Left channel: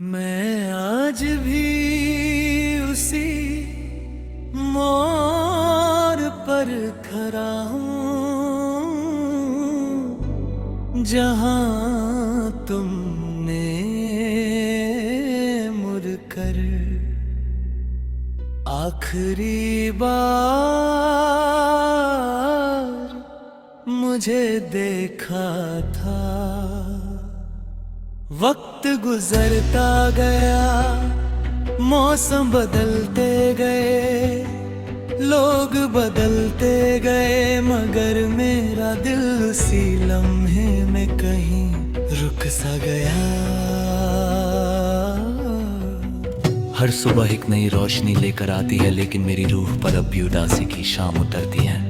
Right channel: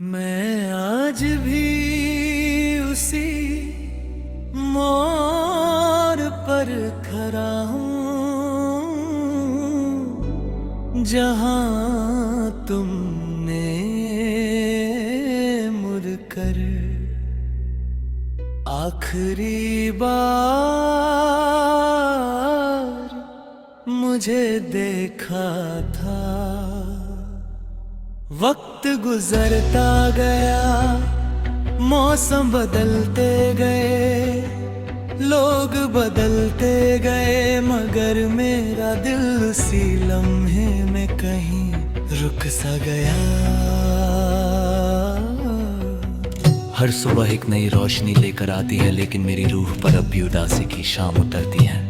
मैं आज भी उसी मोड़ पर खड़ा हूँ जहाँ तुमने मुड़कर आखिरी बार मुझे देखा था। वक्त गुजरता गया, मौसम बदलते गए, लोग बदलते गए, मगर मेरा दिल उसी लम्हे में कहीं रुक सा गया। हर सुबह एक नई रोशनी लेकर आती है, लेकिन मेरी रूह पर अब भी उदासी की शाम उतरती है।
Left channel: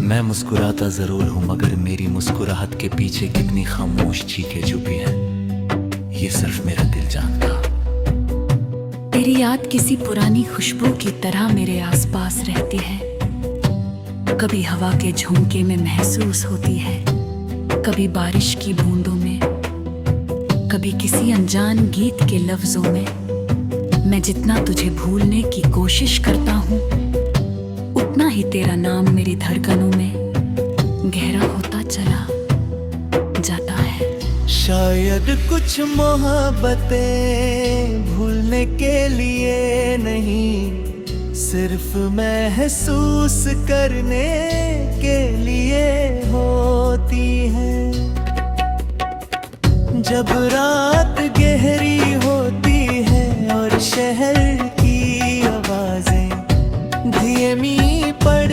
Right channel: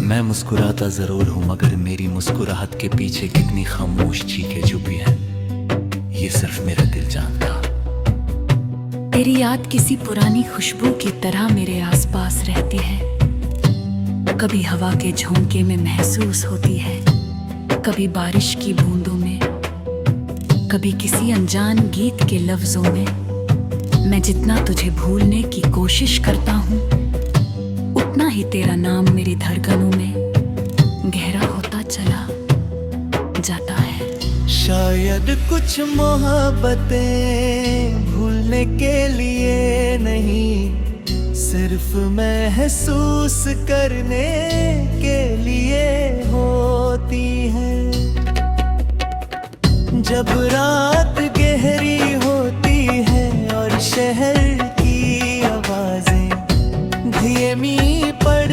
मैं मुस्कुराता जरूर हूँ, मगर मेरी मुस्कुराहट के पीछे कितनी खामोश चीखें छुपी हैं, ये सिर्फ मेरा दिल जानता। तेरी याद किसी पुरानी खुशबू की तरह मेरे आसपास रहती है। कभी हवा के झोंके में महसूस होती है, कभी बारिश की बूंदों में, कभी किसी अनजान गीत के लफ्जों में। मैं जितना तुझे भूलने की कोशिश करता हूँ, उतना ही तेरा नाम मेरी धड़कनों में गहरा होता चला जाता है। शायद कुछ मोहब्बतें भूलने के लिए नहीं, सिर्फ महसूस करने के लिए होती हैं। जब रात गहरी होती है और शहर की आवाजें धीमी पड़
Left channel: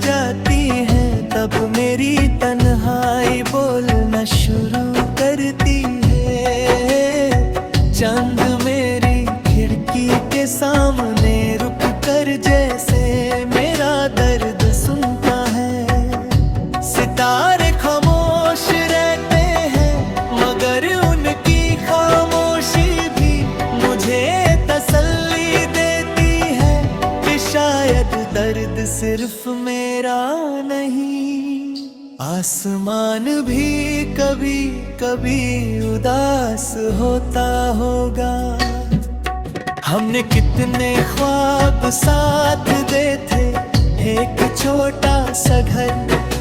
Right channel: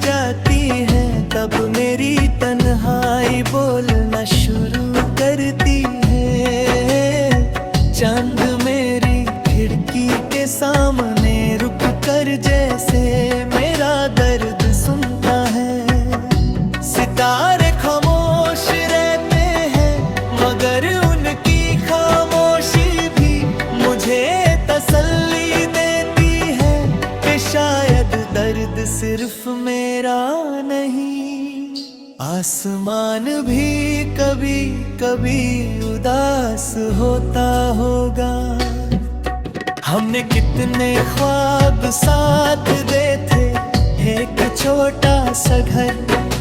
जाती है, तब मेरी तन्हाई बोलना शुरू करती है। चांद मेरी खिड़की के सामने रुक कर जैसे मेरा दर्द सुनता है। सितारे खामोश रहते हैं, मगर उनकी खामोशी भी मुझे तसल्ली देती है कि शायद दर्द सिर्फ मेरा नहीं, आसमान भी कभी कभी उदास होता होगा। हमने कितने ख्वाब साथ दे थे, एक छोटा सा घर,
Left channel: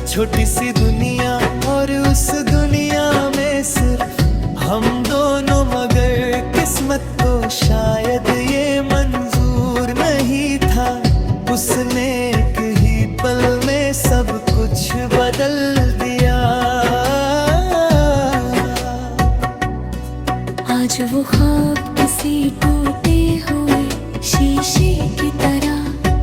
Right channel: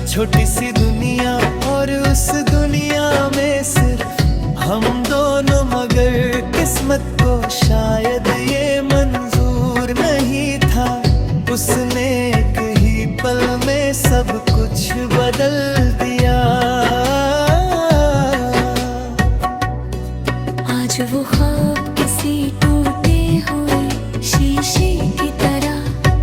छोटी सी दुनिया, और उस दुनिया में सिर्फ हम दोनों, मगर किस्मत को शायद ये मंजूर नहीं था। उसने एक ही पल में सब कुछ बदल दिया। आज वो ख्वाब किसी टूटे हुए शीशे की तरह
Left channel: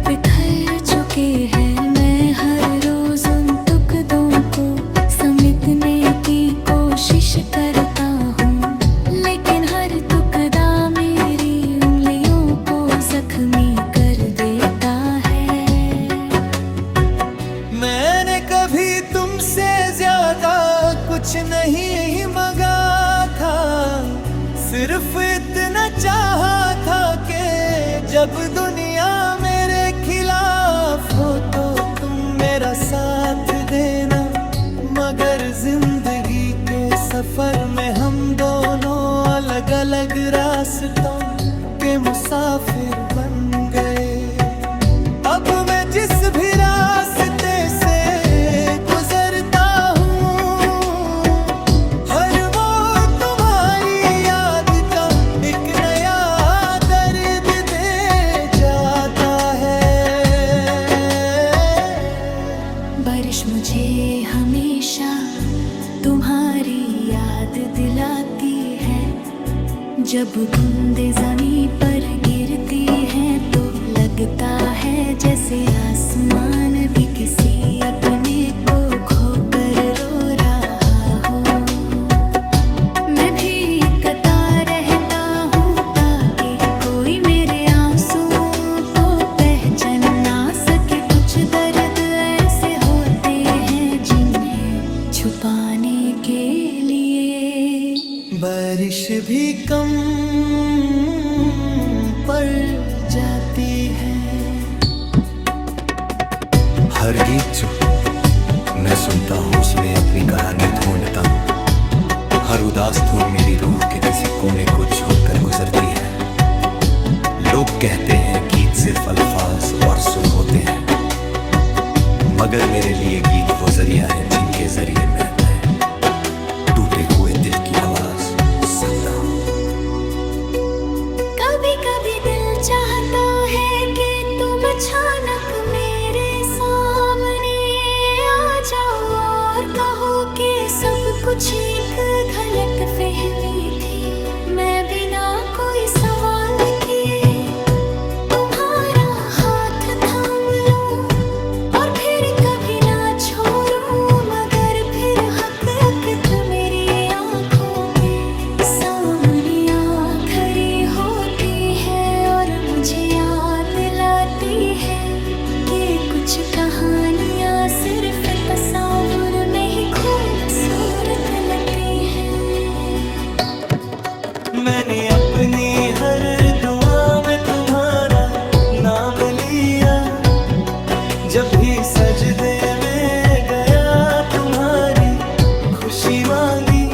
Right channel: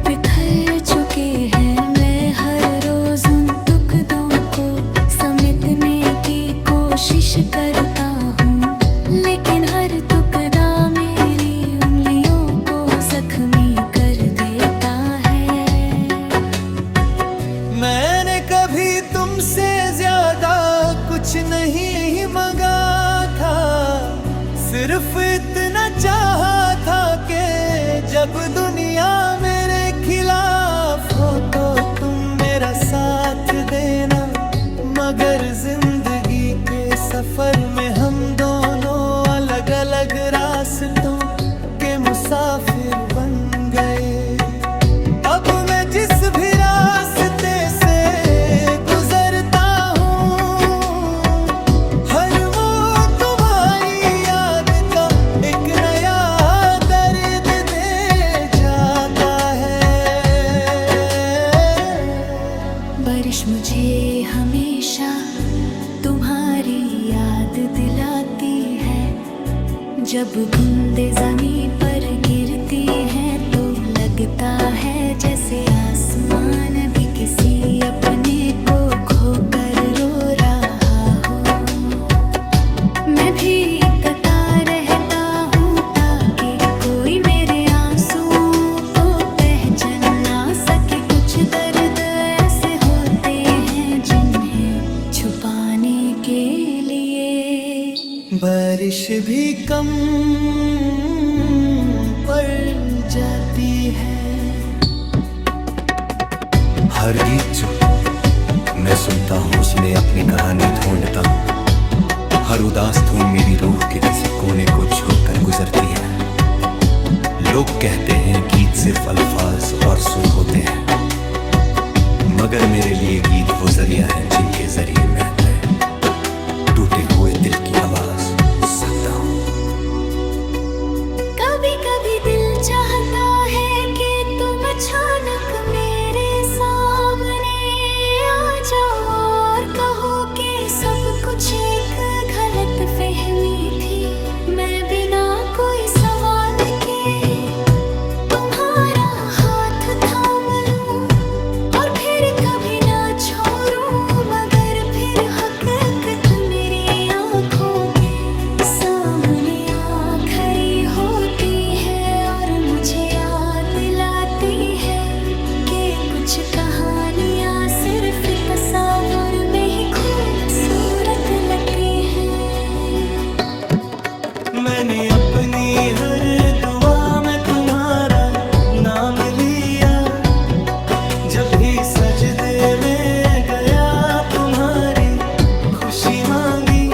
बिखर चुके हैं। मैं हर रोज उन टुकड़ों को समेटने की कोशिश करता हूँ, लेकिन हर टुकड़ा मेरी उंगलियों को जख्मी कर देता है। मैंने कभी तुमसे ज्यादा कुछ नहीं मांगा था, सिर्फ इतना चाहा था कि जब दुनिया मेरे खिलाफ हो तो तुम मेरा साथ देना। मगर जिंदगी के सफर में हम दोनों अलग अलग रास्तों के मुसाफिर बन गए। अब मैं जिस भी रास्ते से गुजरता हूँ, हर वो तुम्हारी याद का एक नया दर्द दे जाता है। बारिश मुझे हमेशा तुम्हारी याद दिलाती है। जब बूंदे जमीन पर गिरती हैं तो लगता है जैसे आसमान भी किसी अपने को खोकर रो रहा हो। मैं भी कता रहता हूँ ताकि कोई मेरे आंसुओं को पहचान ना सके। कुछ दर्द ऐसे होते हैं जिन्हें छुपाने के लिए बारिश भी कम पड़ जाती है। हर गीत जो मैं सुनता हूँ उसमें अपनी कहानी ढूंढता हूँ। हर उदास धुन मेरी रूह के किसी कोने को छू कर गुजरती है। लोग कहते हैं गीत सिर्फ अल्फाज और सुर होते हैं, मगर मेरे लिए गीत वो जरिया है जिनके जरिए मैं टूटे हुए दिल की आवाज सुनता हूँ। कभी कभी दिल चाहता है कि तुम अचानक मेरे सामने आ जाओ और कहो कि सब कुछ एक गलत फहमी थी। मैं बिना कोई सवाल किए तुम्हारा हाथ थाम लूं और फिर कभी ना छोड़ूं, मगर फिर हकीकत मेरी आंखों के सामने आ खड़ी होती है और मुझे याद दिलाती है कि कुछ कहानियां सिर्फ तस्वीर में ही खूबसूरत लगती है। मैंने अपनी हर दुआ में तुम्हारा नाम लिया, जब भी सजदे में गया तुम्हारी खुशी मांगी।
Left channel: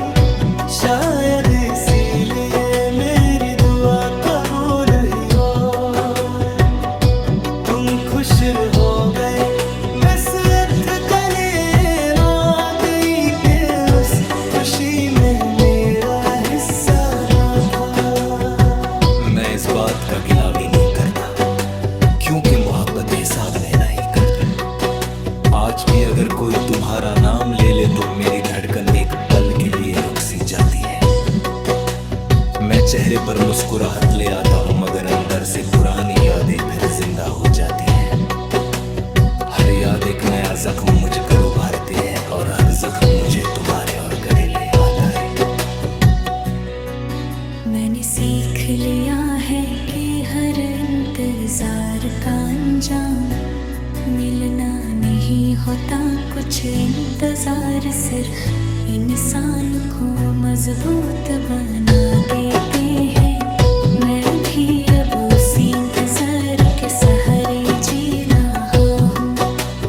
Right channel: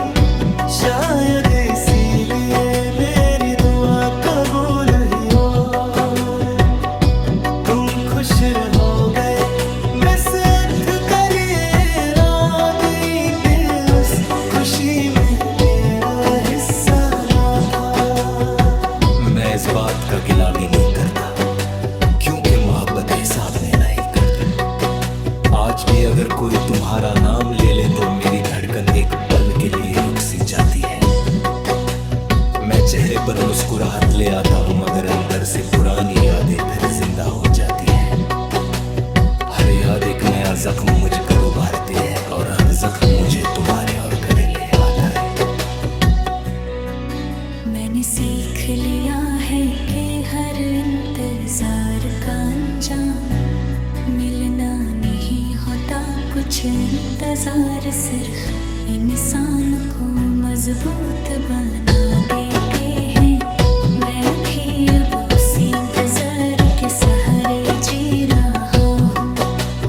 शायद इसीलिए मेरी दुआ कबूल हुई और तुम खुश हो गए। बस दलील आ गई कि उस खुशी में मेरा हिस्सा ना था। मैं इस बात का गिला भी नहीं करता, क्योंकि मोहब्बत हिसाब में नहीं करती। आज भी अगर कोई तुम्हारा नाम ले ले तो मेरी धड़कन एक पल के लिए रुक सी जाती है। मैं चेहरे पर मुस्कुराहट ले आता हूँ, मगर अंदर से पुरानी यादें फिर जिंदा हो जाती हैं। हर याद एक नया जख्म मुझ कर उभारती है और हर जख्म मुझे तुम्हारे और गले ले आता है। मैंने सीख लिया है कि हर इंतजार का अंजाम मिलना नहीं होता। कुछ इंतजार सिर्फ इंसान को मजबूत बना देते हैं। मैं भी अब उसी इंतजार के सहारे जी रहा हूँ।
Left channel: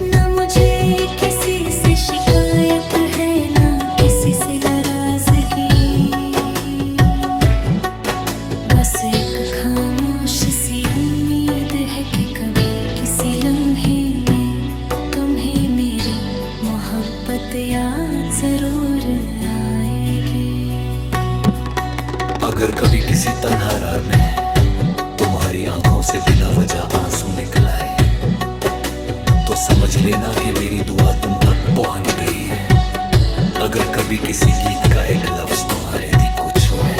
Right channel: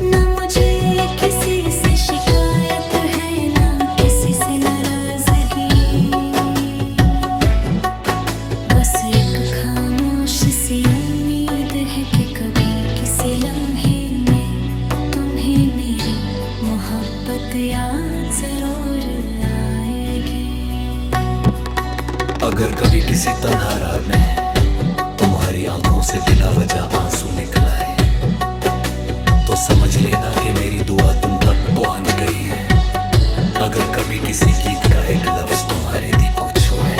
न मुझे किसी से शिकायत है, न किसी से नाराजगी। बस एक खामोश सी उम्मीद है कि कभी किसी लम्हे में तुम्हें मेरी मोहब्बत याद जरूर आएगी। अगर कभी किसी तन्हा रात में तुम्हारी आंखों से बिना वजह आंसू निकल आए तो समझ लेना कि मेरी दुआ तुम तक पहुंच गई है। अगर कभी किसी गीत का एक लफ्ज तुम्हारे दिल को छुए